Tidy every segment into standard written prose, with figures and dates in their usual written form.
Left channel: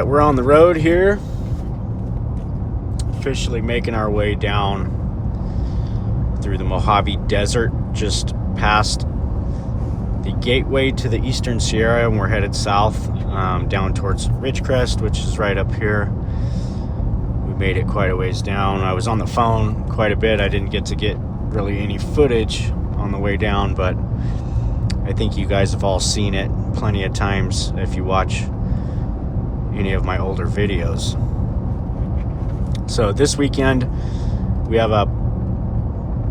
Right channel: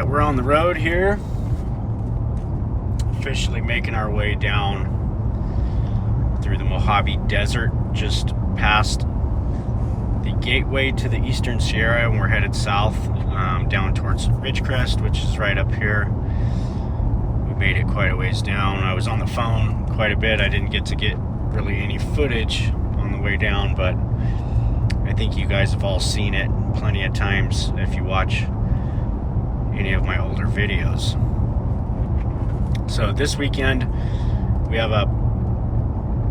right, we're on the road here, officially making our way down through the Mojave Desert, just past the gateway to the Eastern Sierra, and we're headed south down towards Ridgecrest, which is right up here. We made it quite a ways down. I was on the phone quite a bit. I didn't get to get really any footage on the way down, but I think you guys have all seen it plenty of times if you watch any of my older videos. So this weekend we have a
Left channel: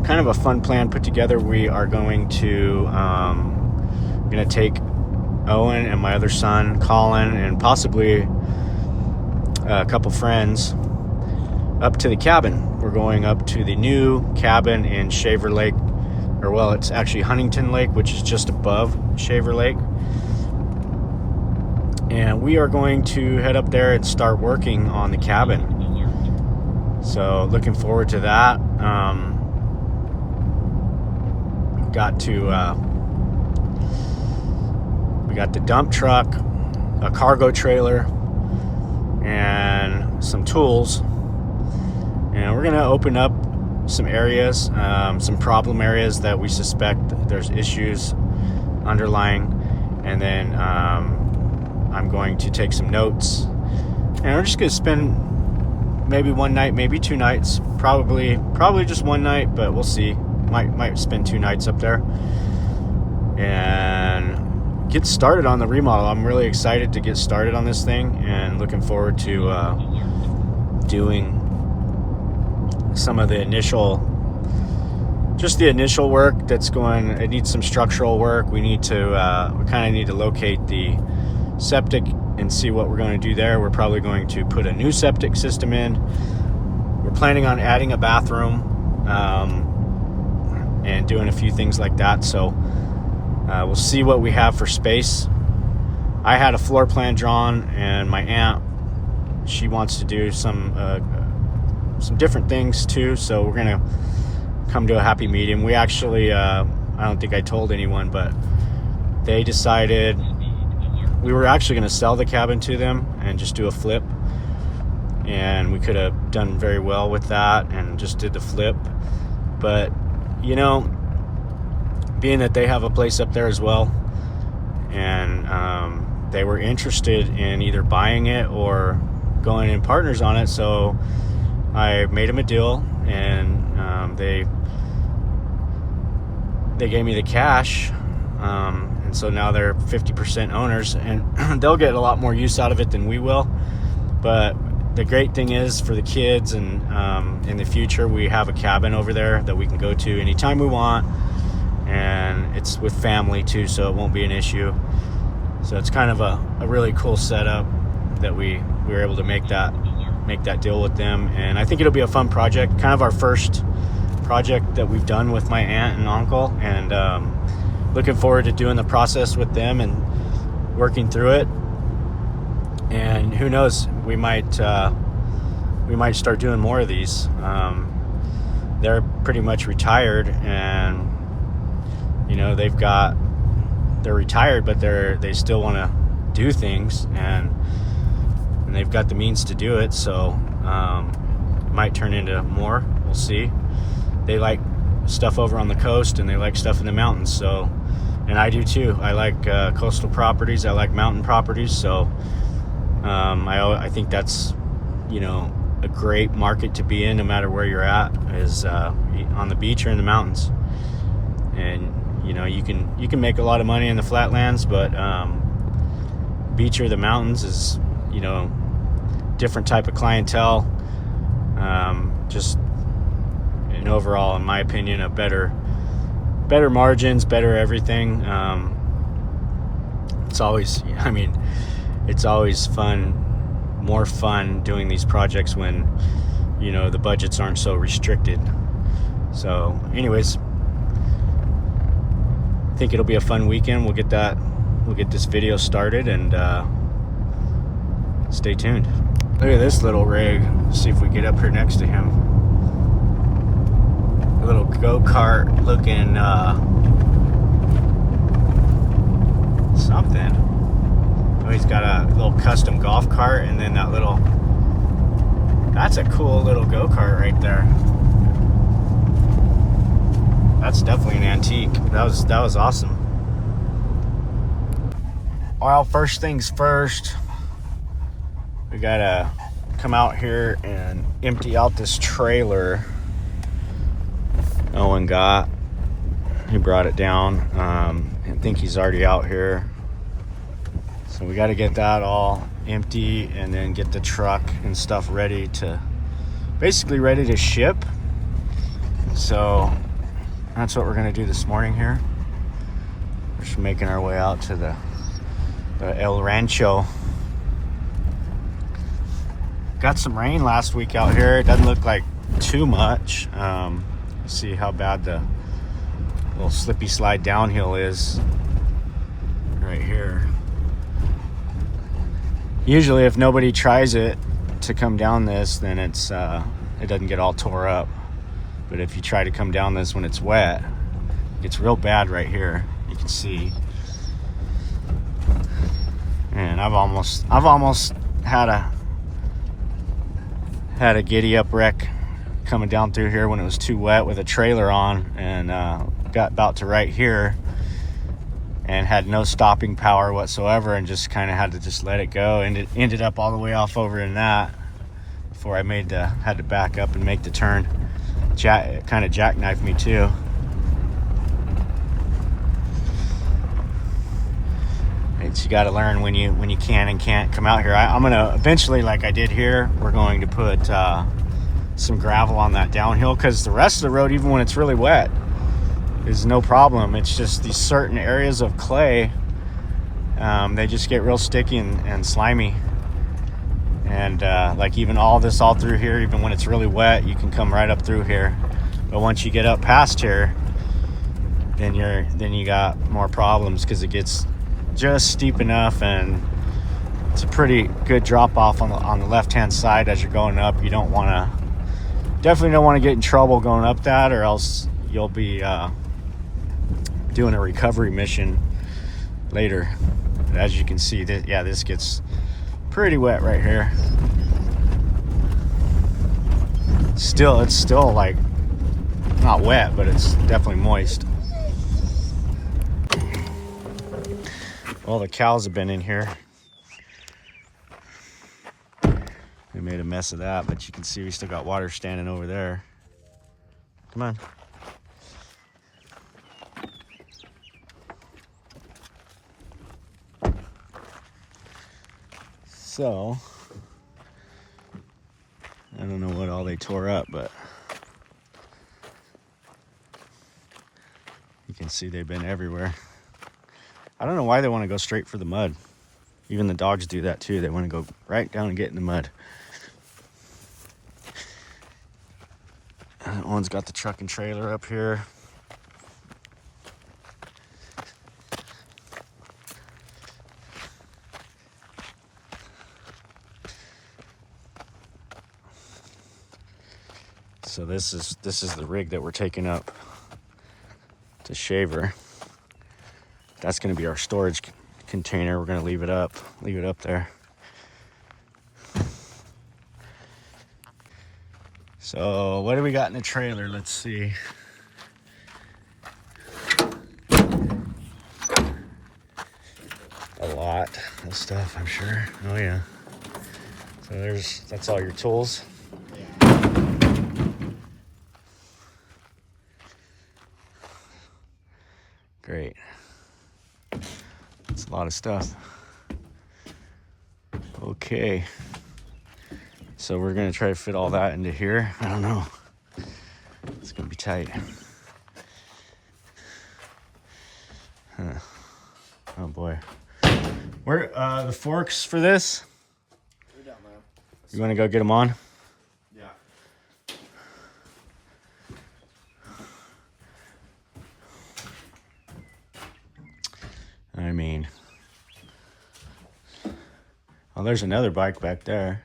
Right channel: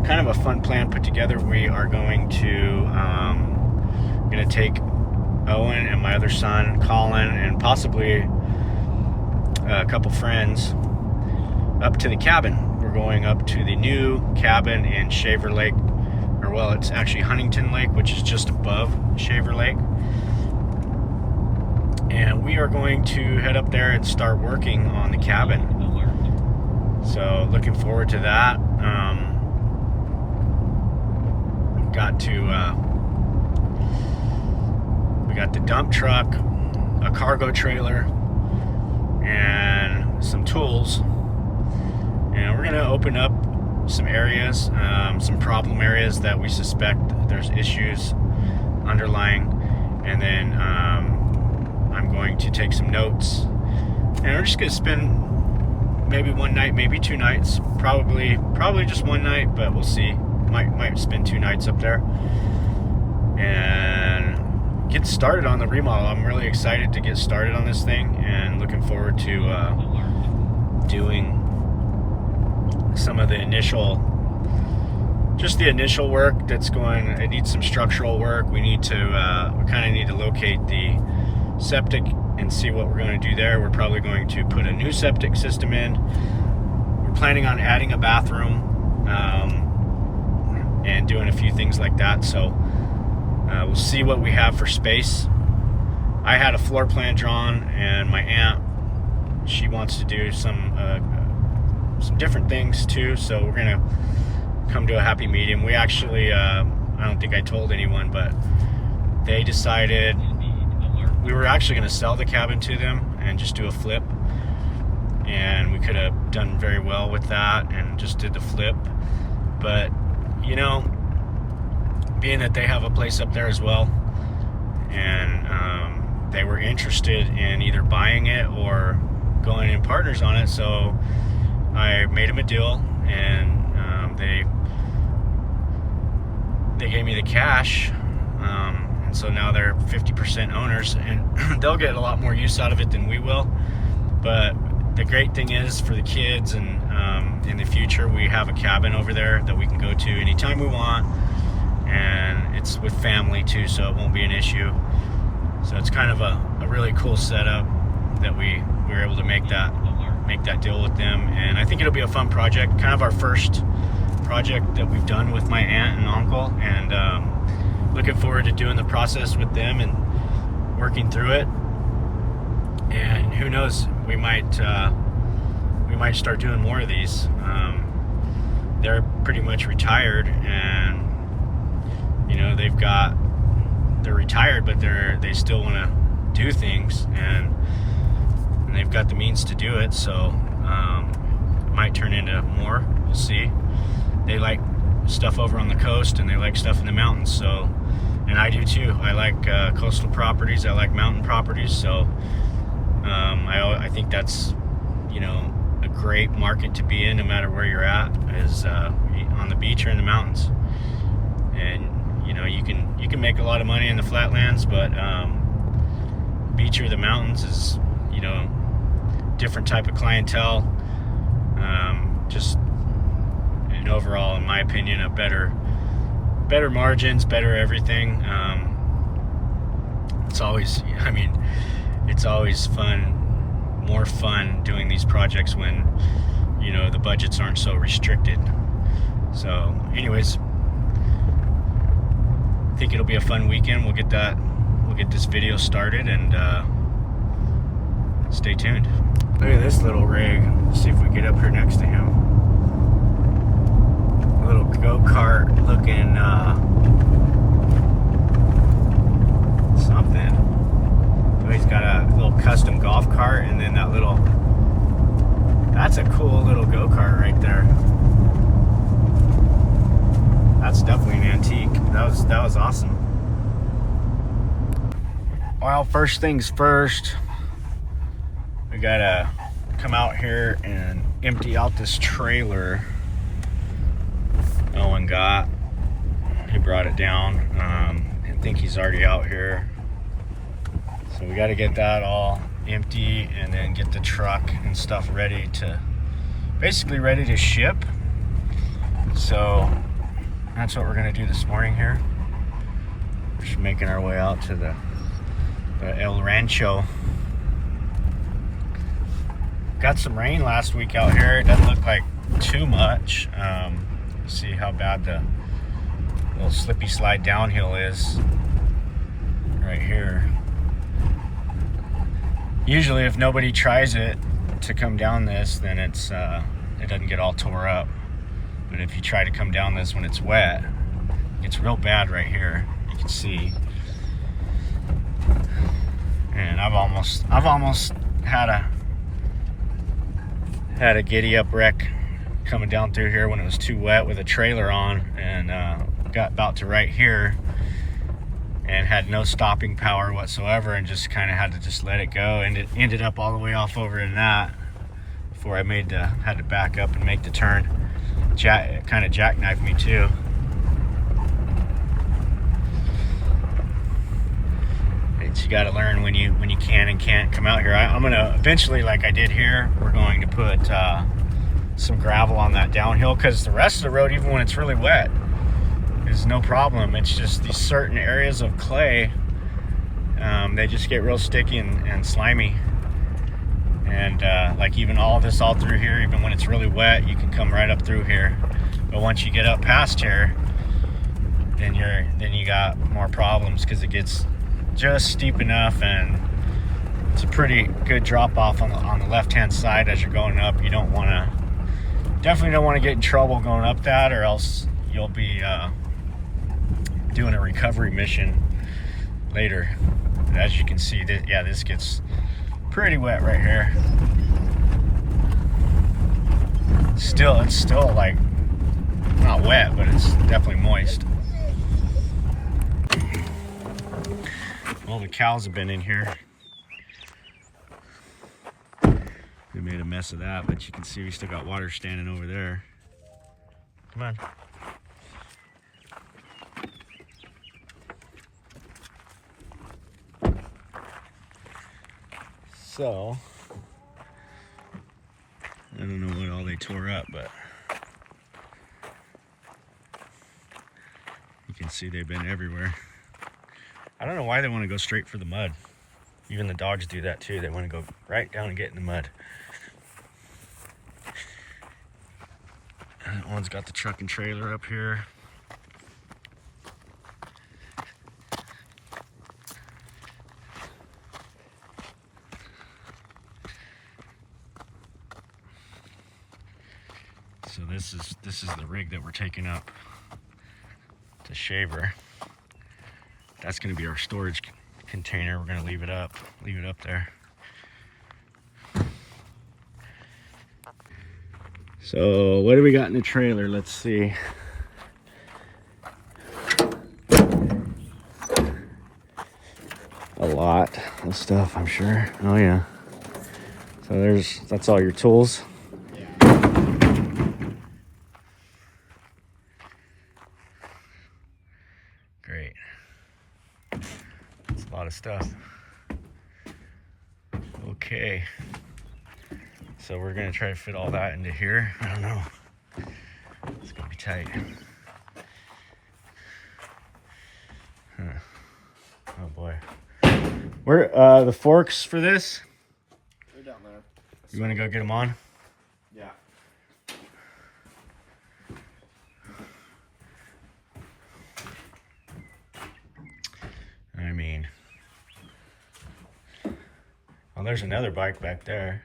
kind of a fun plan put together. We are going to take Owen and my other son Colin and possibly a couple friends up to the cabin. We're going up to the new cabin in Shaver Lake, or well, it's actually Huntington Lake, which is just above Shaver Lake. And we are going to head up there and start working on the cabin. So looking forward to that. We got the dump truck, a cargo trailer, and some tools. And we're gonna open up some areas, some problem areas that we suspect there's issues underlying, and then I'm going to take some notes, and we're just gonna spend maybe one night, maybe 2 nights, probably just one night, but we'll see. Might spend 2 nights up there and get started on the remodel. I'm really excited to get started on this thing and looking forward to doing some of the initial work that's going. It needs some structural work. We kind of need to locate the septic and see what we're going to do there. We're probably going to put a new septic system in. We're planning on adding a bathroom and doing a few things like that. So we'll see what we have for space. I had a floor plan drawn, and my aunt, she wants to do some different things too. So we're gonna come to a happy medium. We actually, I don't think I told anyone, but they decided we were actually going to sell the cabin to them and just do a flip, and we could have done very well with that and just did the flip. But you know, being that they have a place up there as well, and they were interested in either buying it or going in partners on it, so I made them a deal, and they gave me the cash, and so now they're 50% owners, and they'll get a lot more use out of it than we will. But the great thing is, for the kids and in the future, we have a cabin over there that we can go to anytime we want, and it's with family too, so it won't be an issue. So it's kind of a really cool setup that we were able to make that deal with them, and I think it'll be a fun project, kind of our first project that we've done with my aunt and uncle, and looking forward to doing the process with them and working through it. And who knows, we might start doing more of these. They're pretty much retired, and you know, they're retired, but they still want to do things, and they've got the means to do it. So it might turn into more. We'll see. They like stuff over on the coast, and they like stuff in the mountains. So, and I do too. I like coastal properties. I like mountain properties. So I think that's, you know, a great market to be in, no matter where you're at, is on the beach or in the mountains. And you know, you can make a lot of money in the flatlands, but beach or the mountains is, you know, different type of clientele. Just and overall, in my opinion, a better margins, better everything. It's always fun, more fun doing these projects when, you know, the budgets aren't so restricted. So anyways, I think it'll be a fun weekend. We'll get this video started, and stay tuned. Look at this little rig. Let's see if we get up here next to him. A little go-kart looking something. Oh, he's got a little custom golf cart, and then That's a cool little go-kart right there. That's definitely an antique. That was awesome. Well, first things first, we gotta come out here and empty out this trailer Owen got. He brought it down. I think he's already out here. So we gotta get that all empty and then get the truck and stuff ready to, basically ready to ship. So that's what we're gonna do this morning here. We're just making our way out to the El Rancho. Got some rain last week out here. It doesn't look like too much. See how bad the little slippy slide downhill is right here. Usually if nobody tries it to come down this, then it doesn't get all tore up. But if you try to come down this when it's wet, it gets real bad right here. You can see. And I've almost had a giddy up wreck coming down through here when it was too wet with a trailer on, and got about to right here and had no stopping power whatsoever and just kind of had to just let it go, and it ended up all the way off over in that before I had to back up and make the turn. It kind of jackknifed me too. You got to learn when you can and can't come out here. I'm gonna eventually, like I did here, we're going to put some gravel on that downhill, because the rest of the road, even when it's really wet, is no problem. It's just these certain areas of clay, they just get real sticky and slimy. And like even all through here, even when it's really wet, you can come right up through here. But once you get up past here, then you got more problems, because it gets just steep enough, and it's a pretty good drop off on the left hand side as you're going up. You definitely don't want to get in trouble going up that, or else you'll be doing a recovery mission later. As you can see, this gets pretty wet right here. It's still like not wet, but it's definitely moist. Well, the cows have been in here. They made a mess of that, but you can see we still got water standing over there. Come on. So, I don't know what all they tore up, but you can see they've been everywhere. I don't know why they want to go straight for the mud. Even the dogs do that too. They want to go right down and get in the mud. That one's got the truck and trailer up here. So this is the rig that we're taking up to Shaver. That's going to be our storage container. We're going to leave it up there. So what do we got in the trailer? Let's see. A lot of stuff, I'm sure. Oh yeah. So that's all your tools. Great. That's a lot of stuff. Okay. So we're gonna try to fit all that into here. I don't know. It's gonna be tight. Huh. Oh boy. Where the forks for this? They're down there. You wanna go get them on? Yeah. I mean, oh, there's another bike back there.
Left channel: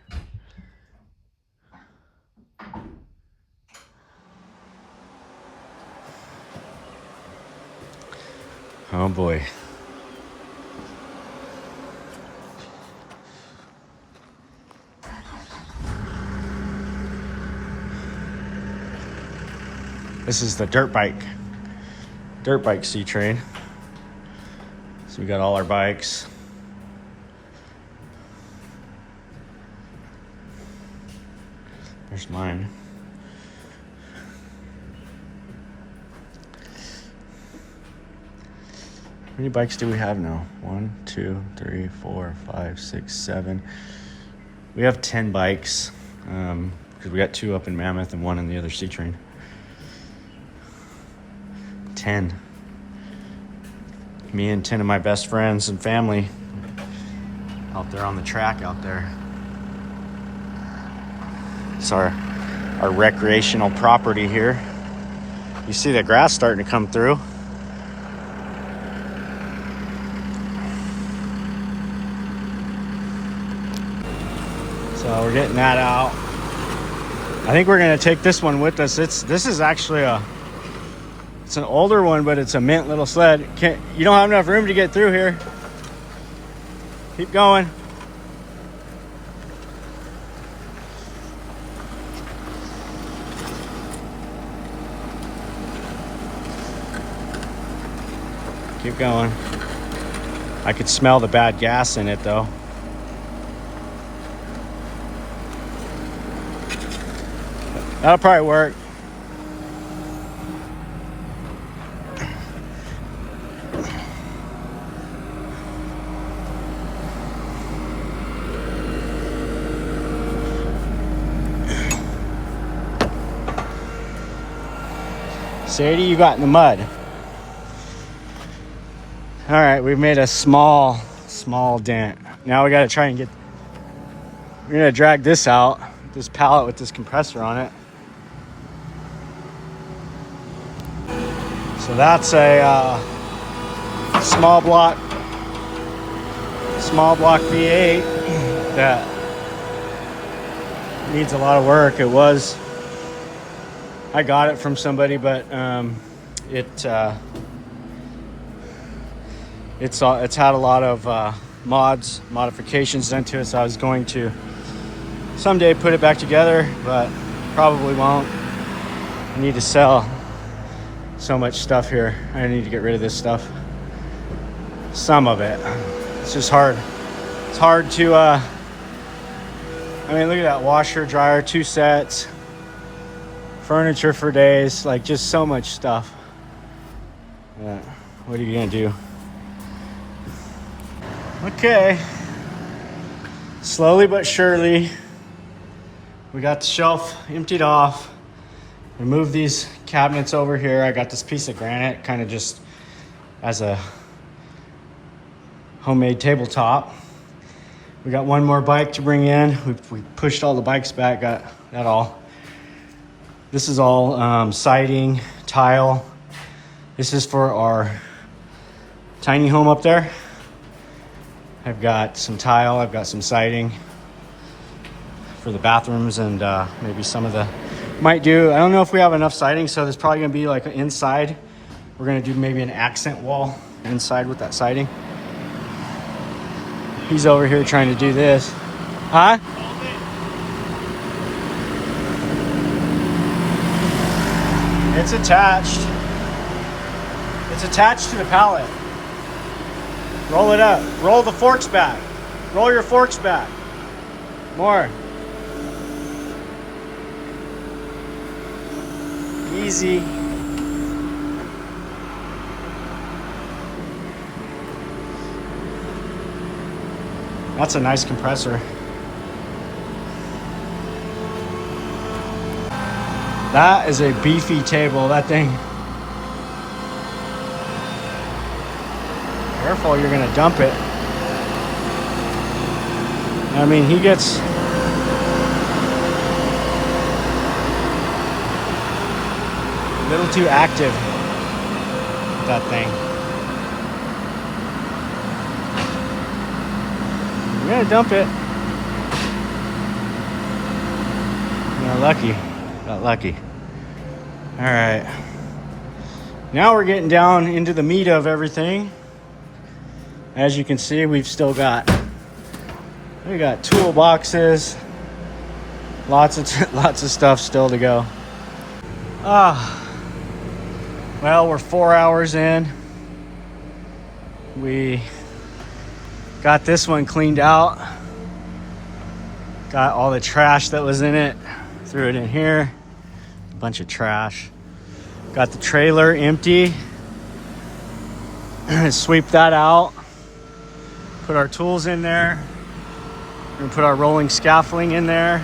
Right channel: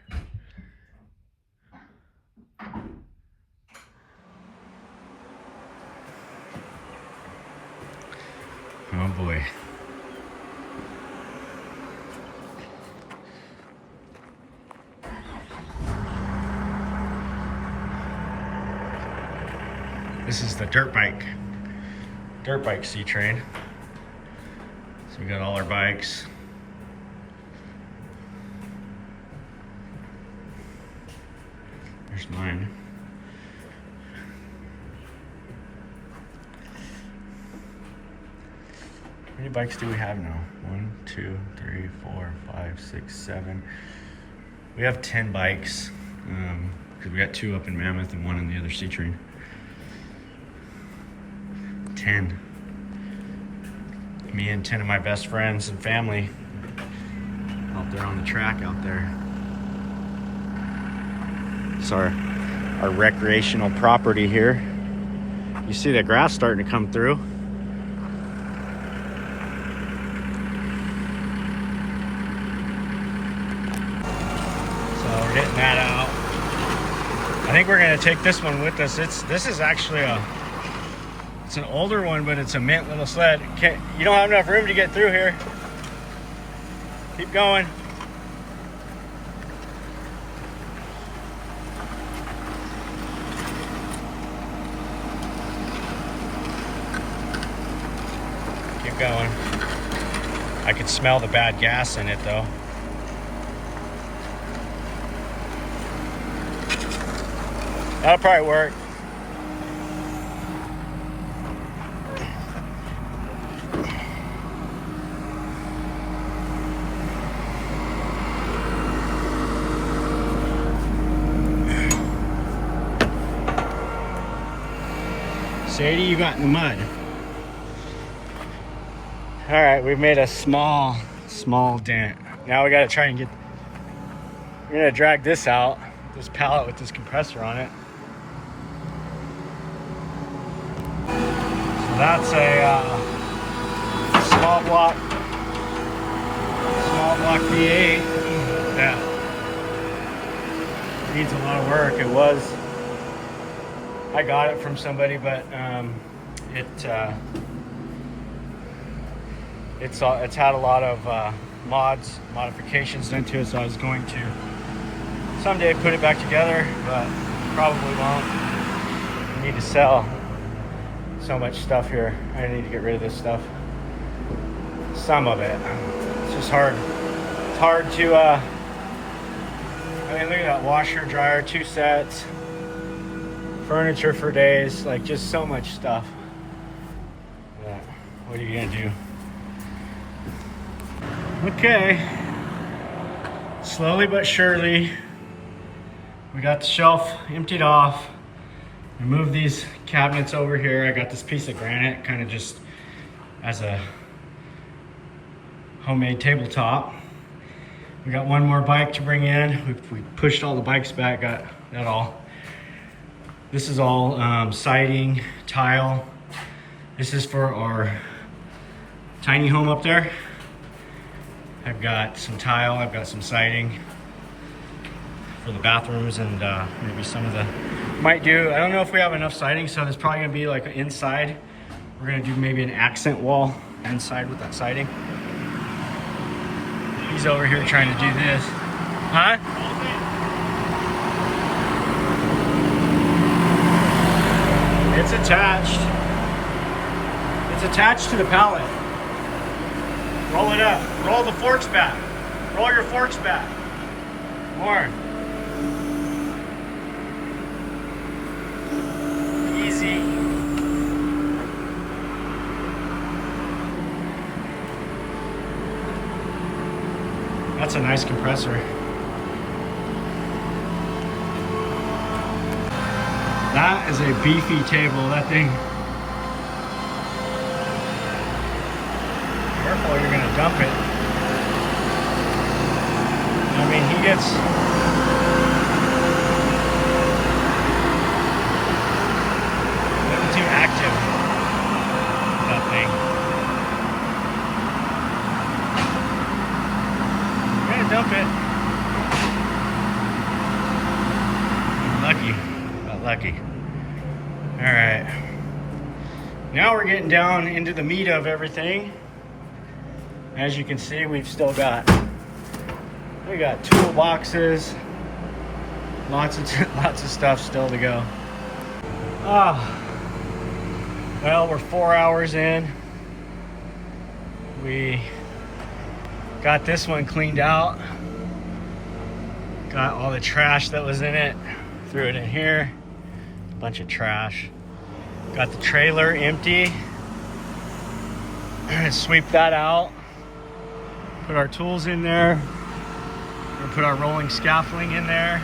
Oh boy. This is the dirt bike C-Train. So we got all our bikes. There's mine. How many bikes do we have now? 1, 2, 3, 4, 5, 6, 7. We have 10 bikes because we got 2 up in Mammoth and 1 in the other C-Train. 10. Me and 10 of my best friends and family out there on the track out there. It's our recreational property here. You see the grass starting to come through. So we're getting that out. I think we're gonna take this one with us. This is actually it's an older one, but it's a mint little sled. You don't have enough room to get through here. Keep going. Keep going. I could smell the bad gas in it though. That'll probably work. Sadie, you got in the mud. All right, we've made a small dent. Now we gotta try and we're gonna drag this out, this pallet with this compressor on it. So that's a small block V8 that needs a lot of work. I got it from somebody, but it's had a lot of modifications done to it, so I was going to someday put it back together, but probably won't. I need to sell so much stuff here. I need to get rid of this stuff. Some of it. It's just hard. It's hard to, I mean, look at that washer, dryer, 2 sets. Furniture for days, like just so much stuff. What are you gonna do? Okay, slowly but surely, we got the shelf emptied off. Remove these cabinets over here. I got this piece of granite kind of just as a homemade tabletop. We got one more bike to bring in. We pushed all the bikes back, got that all. This is all siding, tile. This is for our tiny home up there. I've got some tile, I've got some siding for the bathrooms, and maybe some of the, I don't know if we have enough siding, so there's probably gonna be like inside. We're gonna do maybe an accent wall inside with that siding. He's over here trying to do this. Huh? It's attached. It's attached to the pallet. Roll it up. Roll the forks back. Roll your forks back. More. Easy. That's a nice compressor. That is a beefy table, that thing. Careful, you're gonna dump it. I mean, he gets... a little too active with that thing. You're gonna dump it. Got lucky. Got lucky. All right. Now we're getting down into the meat of everything. As you can see, we got toolboxes, lots of stuff still to go. Well, we're 4 hours in. We got this one cleaned out. Got all the trash that was in it, threw it in here. A bunch of trash. Got the trailer empty. Sweep that out. Put our tools in there. And put our rolling scaffolding in there.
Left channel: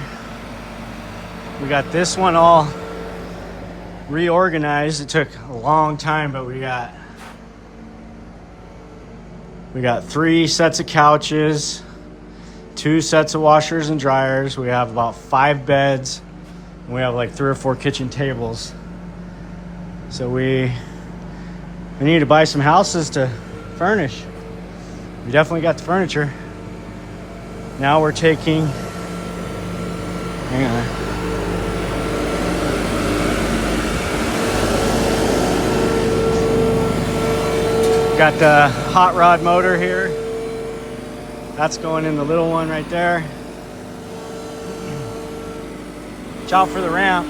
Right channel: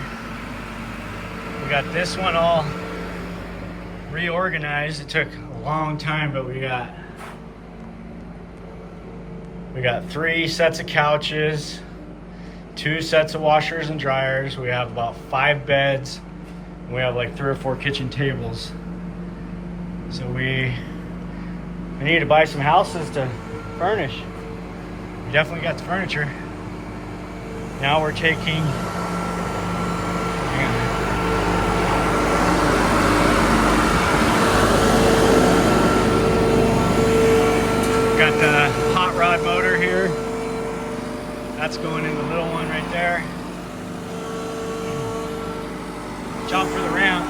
We got this one all reorganized. It took a long time, but we got 3 sets of couches, 2 sets of washers and dryers. We have about 5 beds. We have like 3 or 4 kitchen tables. So we need to buy some houses to furnish. We definitely got the furniture. Now we're taking, got the hot rod motor here. That's going in the little one right there. Watch out for the ramp.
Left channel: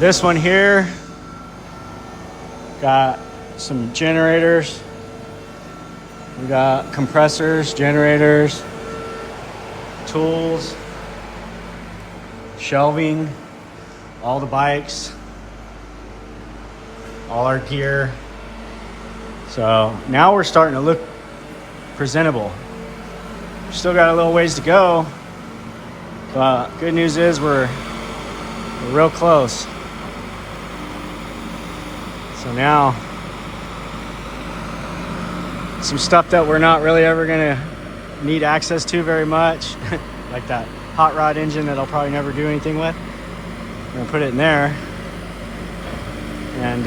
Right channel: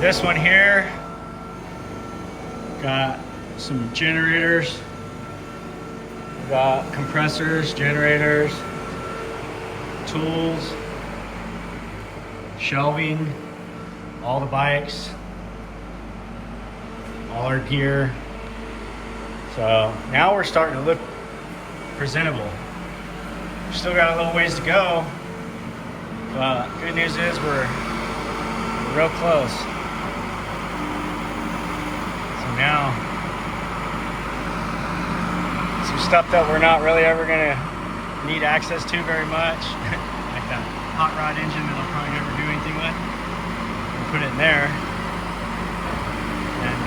This one here got some generators. We got compressors, generators, tools, shelving, all the bikes, all our gear. So now we're starting to look presentable. We've still got a little ways to go, but good news is we're real close. So now, some stuff that we're not really ever gonna need access to very much, like that hot rod engine that I'll probably never do anything with. I'm gonna put it in there, and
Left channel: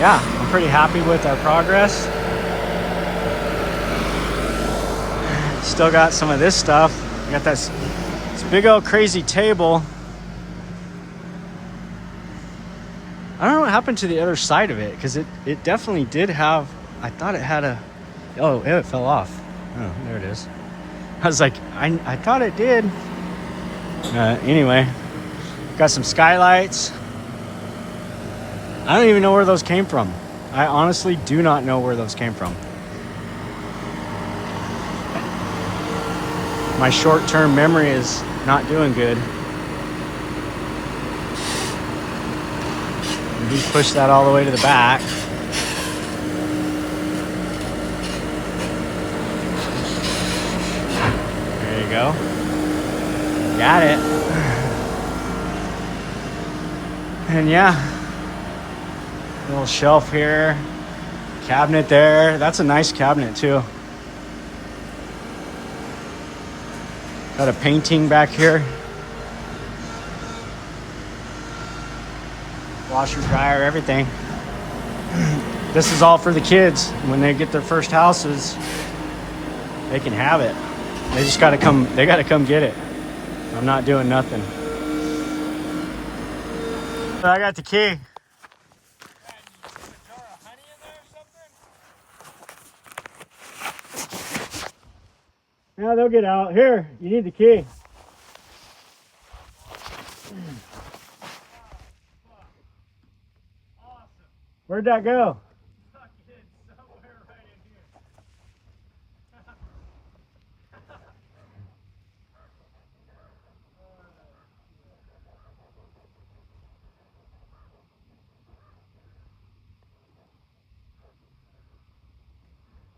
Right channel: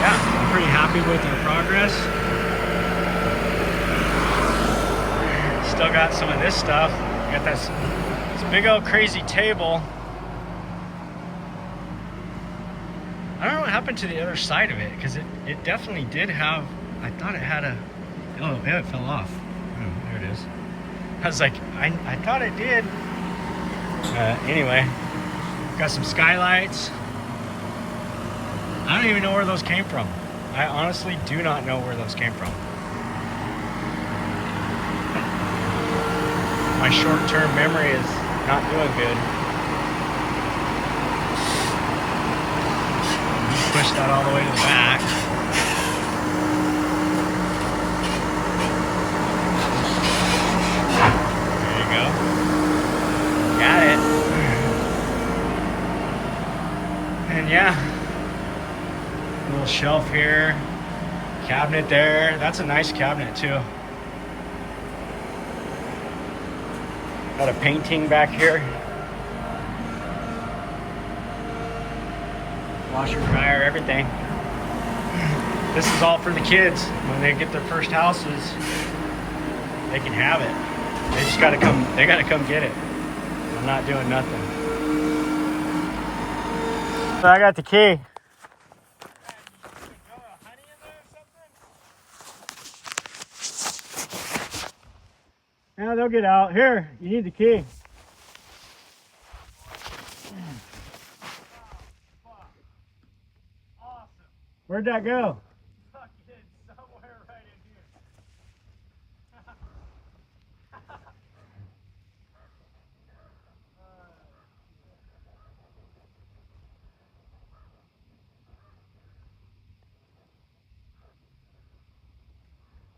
yeah, I'm pretty happy with our progress. Still got some of this stuff. Got this big old crazy table. I don't know what happened to the other side of it, because it definitely did have, I thought it had a, oh, it fell off. Oh, there it is. I was like, I thought it did. Anyway, got some skylights. I don't even know where those came from. I honestly do not know where those came from. My short-term memory is not doing good. Just push that all the way to the back. There you go. Got it. And yeah, little shelf here, cabinet there. That's a nice cabinet too. Got a painting back here. Washer, dryer, everything. This is all for the kids. When they get their first houses, they can have it. They just gotta come, they gotta come get it. I'm not doing nothing. I got the key. Yeah, they'll get out. Here, you need the key. Where'd that go? Somewhere right in here.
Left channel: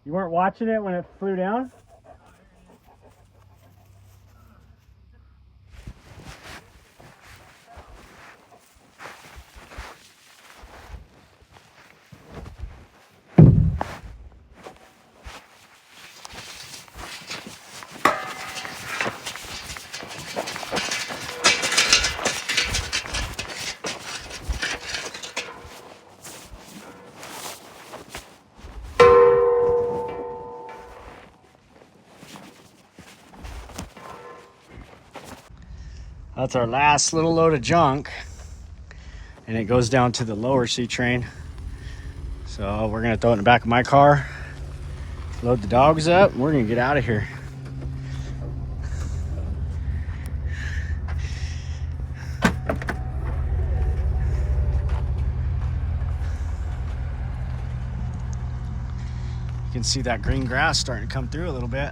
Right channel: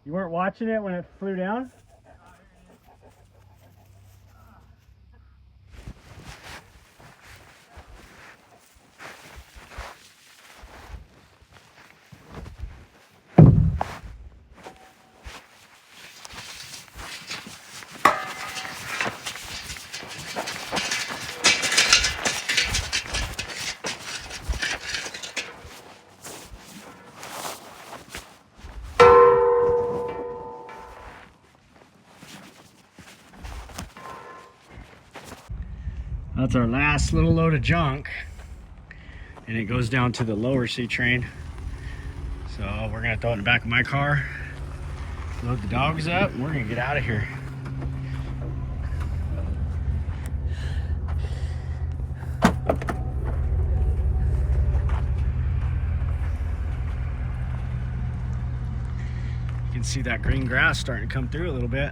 You weren't watching it when it flew down? That's our last little load of junk, and it goes down to the lower C train. So we're gonna throw it in the back of my car, load the dogs up, and we're gonna get out of here. You can see that green grass starting to come through a little bit.